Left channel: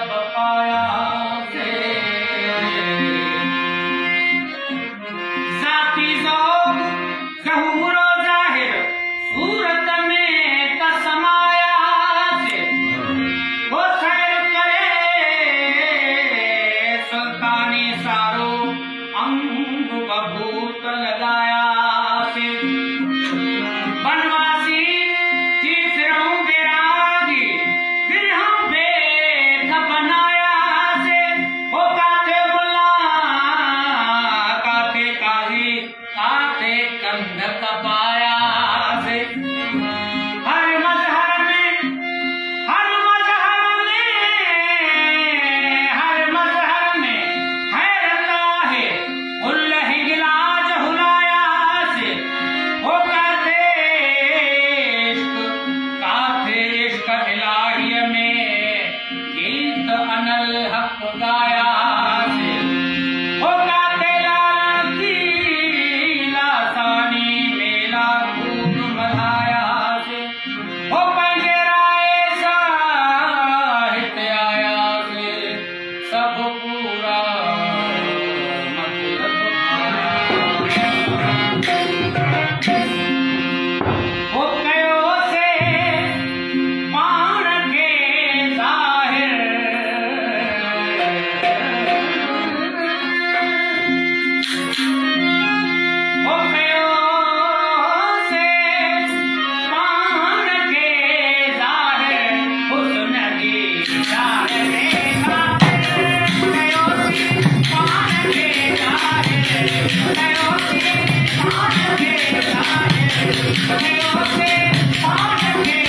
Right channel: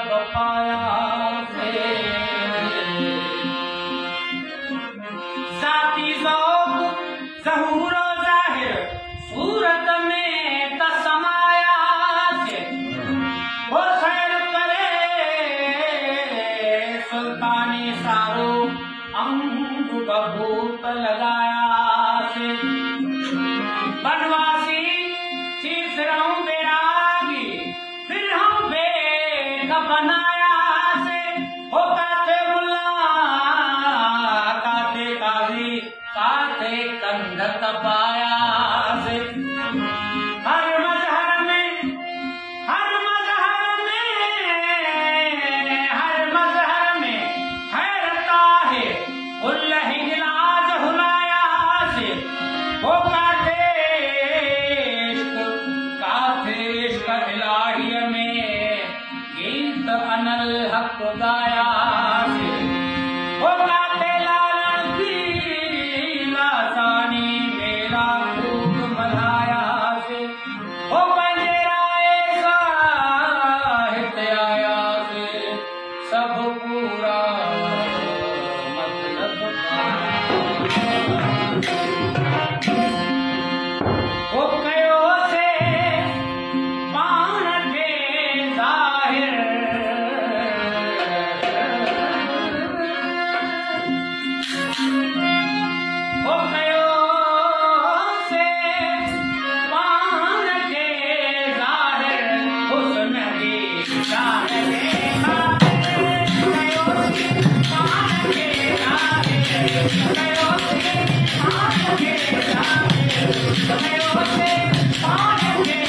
सब पाया से जाती ज़ौक़ ज़हूरो ज़ाहिर सूरत में तसमाया से वो खैर करे सुल्तानी सारो अंग बबूत लगाया से बनवासी थी फिरौं बेरागी फिरौं बेद बनाया से हो काते मुल्ला काते काजी काते कंध तपाया से हर मजहर में हैरत है उल्लह इलाज हुलाया से हो काते इश्क इलाहिय में गीत अनल हक गाया से हो काते लाल की लासानी मेला खूब मनाया से हो पंजे राय साहित्य आया से सब पूरा मतलब पाया हो कयो से पान के ज़ाहिर हो कयो से पान के ज़ाहिर हुस्न की ज़ाहिर कयो पान के ज़ाहिर कयो से पान के ज़ाहिर कयो से पान के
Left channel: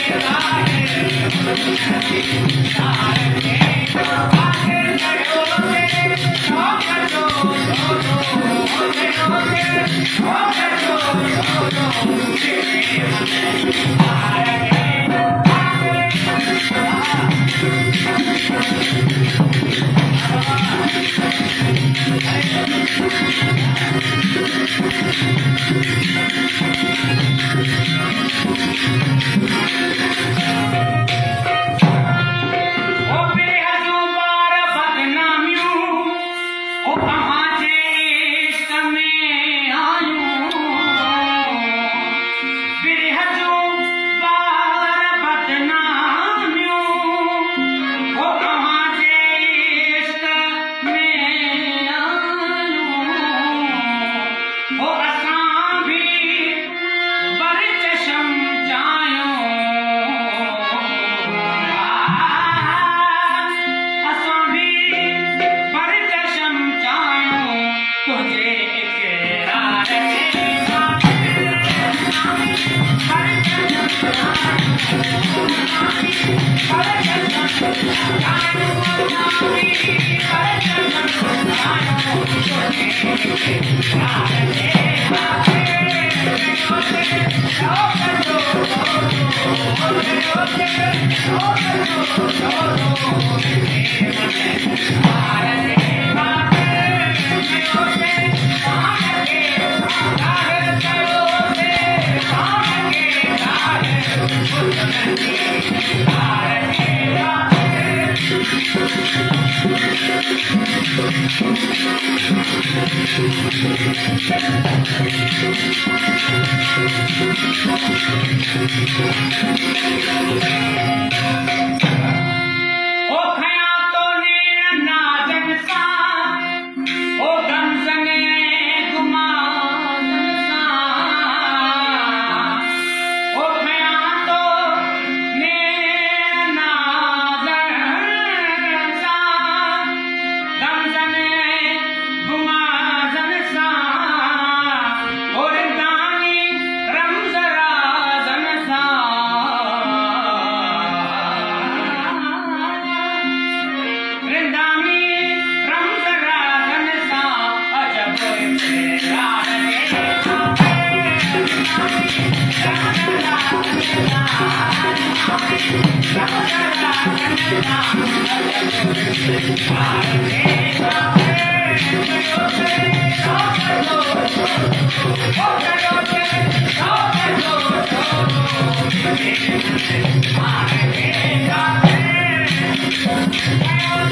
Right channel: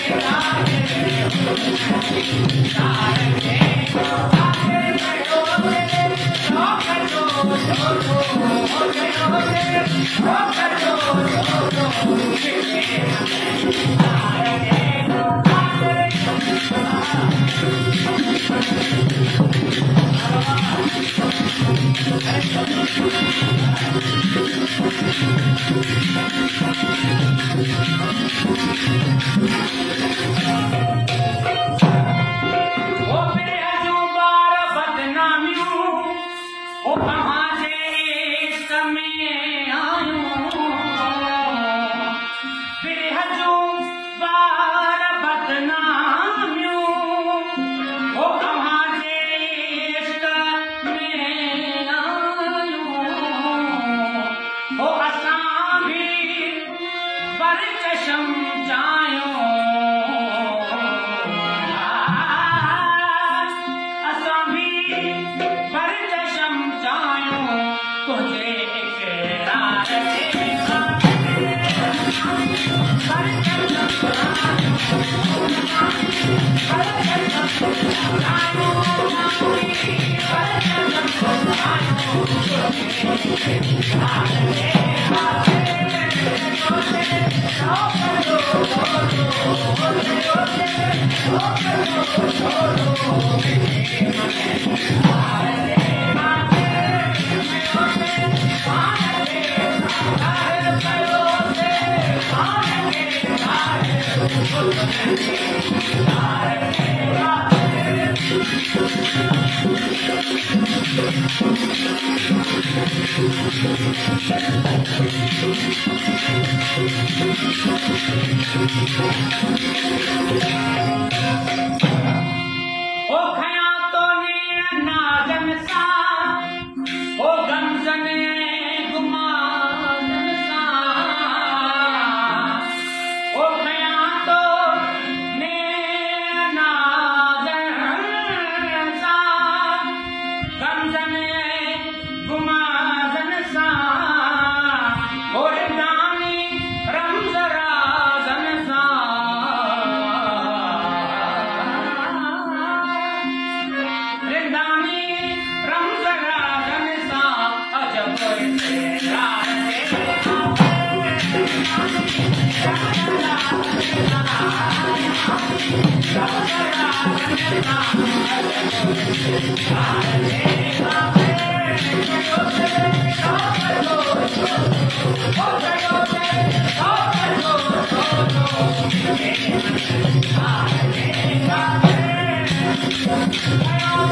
Oh,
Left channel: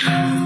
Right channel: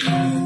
Thank you.